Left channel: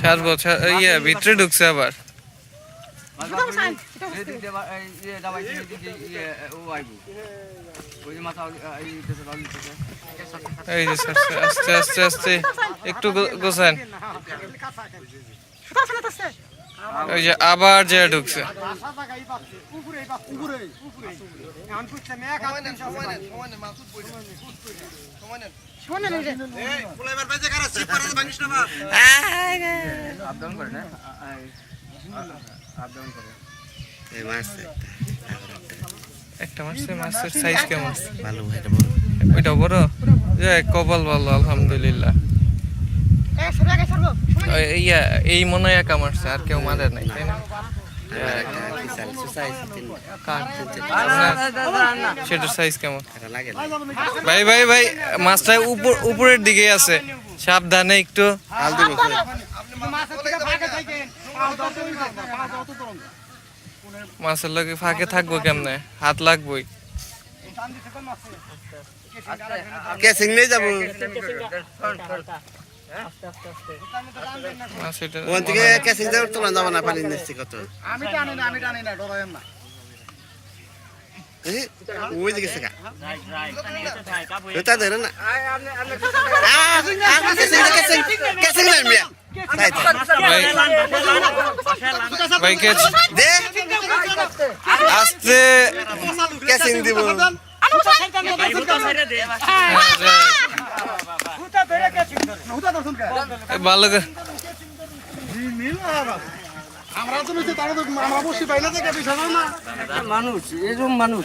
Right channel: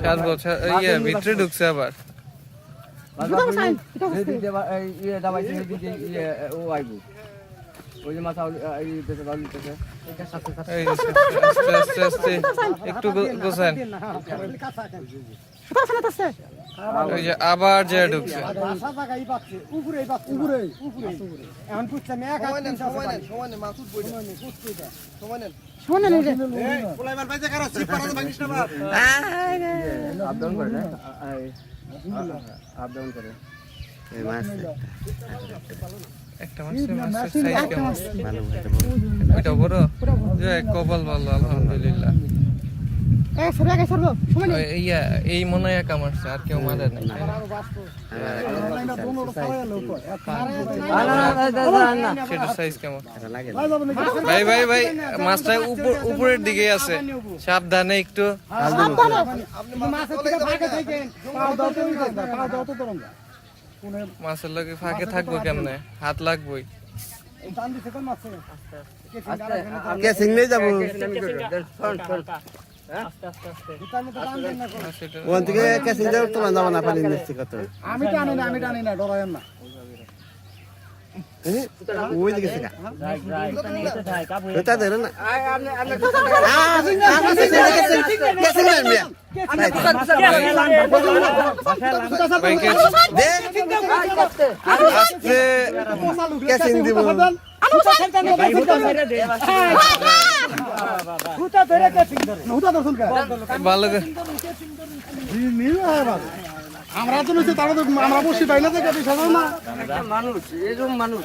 ছাড়বো ইয়ে ভিতরে ঢুকছে আবার। আস্তে আস্তে আস্তে একটু গো- গোছান। ওই যে আবার যে ঢুকছে। একটা মাছের মাছের সাইজ কেমন? ভালো ওইটা বড়? যে কপাল ভালো আলহামদুলিল্লাহ। ইয়া এই মনে হয় একা মারছে আর কেউ মারে নাই তাই না? সেটার সাইজ কেমন? ভাই ভাই ভাই মাছটা উপর উপরের দিকে আছে। সাবধানে একটু। হাল দিব মাছের লগে ফাঁকে থাকব কেমনে? হাত লাগবোই। কেসিং নিয়ে যাব। ওখান থেকে কেসিং যাব তোমার যাব না পানি নিচ্ছি কত আমি টানি না আমি টানি না ডরায়েন না ওই দিকে শেখা ওটা ধরে না কেসিং নেই মিয়া তাই তো। ভাই ভাই কে দে আস্তে কেসিং দিব হুতা ধরে হুতা ধরছুন কে? ভালো করে। নীল আবার। আমরা তো নিচে তারা তো আমরা বসি পাই না যে কেটে সাজো না মানুষ এরকম মানুষ।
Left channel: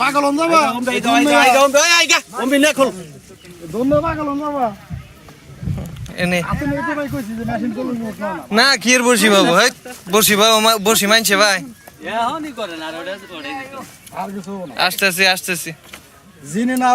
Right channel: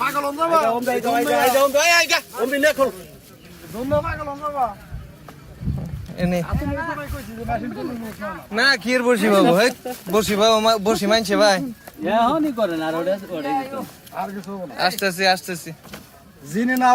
পাগল হন যাবা। পাগল হন যাবা। এনে। কি বসি বাবু? বসি বাবু বসি মানছে ভাই। এখনই করেন আর ওটা ওটাই আর কিছু হব না আসতেছি আসতেছি। জিনে না